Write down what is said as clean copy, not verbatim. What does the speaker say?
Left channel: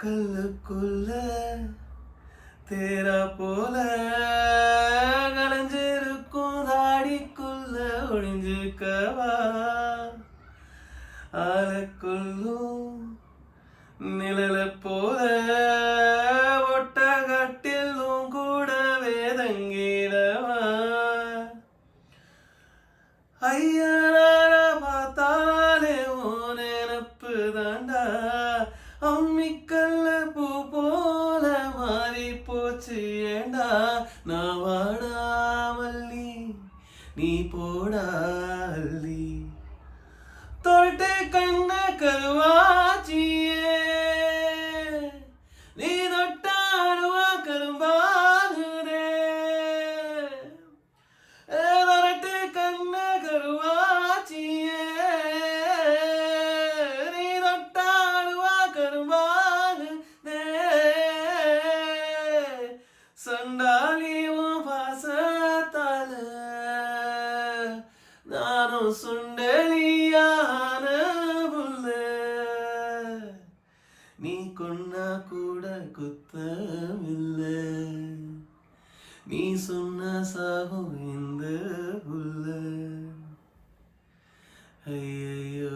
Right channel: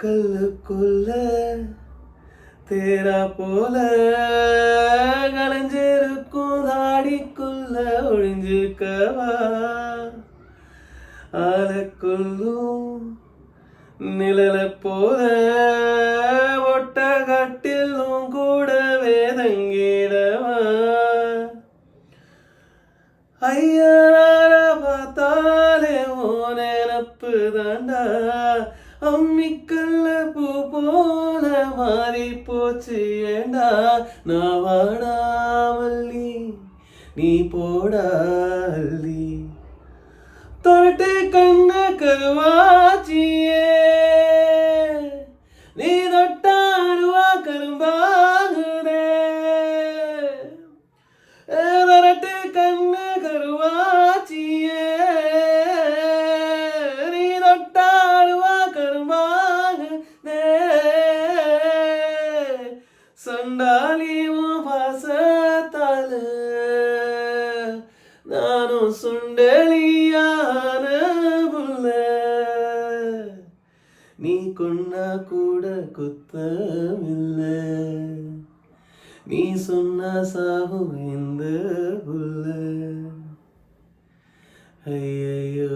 கல்லுக்குள்ள தேரா போல கலைஞ்சிருக்கும் தாடிக்குள்ள ஒழிஞ்சுக்கவா ஆளுக்குள்ளும் நிழல போல ஒட்டகட்டிலும் கூட வேதங்கிடவா ஐயனார பார்த்தாலே ஓ நினப்பு தாண்டா அம்மிக்கல்ல பூ போல மாறி போச்சு ஏண்டா நான் வாடாமல்லி நீ போடால்லி தொரட்டு கண்ண கருவாச்சியே நீ தொட்டாருவா கரும்பாகுதே தொரட்டு கண்ண கருவாச்சியே நீ தொட்டாருவா கரும்பாகுதே சண்டாலியும் பாசத்தால நானும் சுண்டலியான புள்ள நீ கொன்னா கூட குத்தமில்ல நீ சொன்ன சாகும் இந்த புள்ள ஐயோ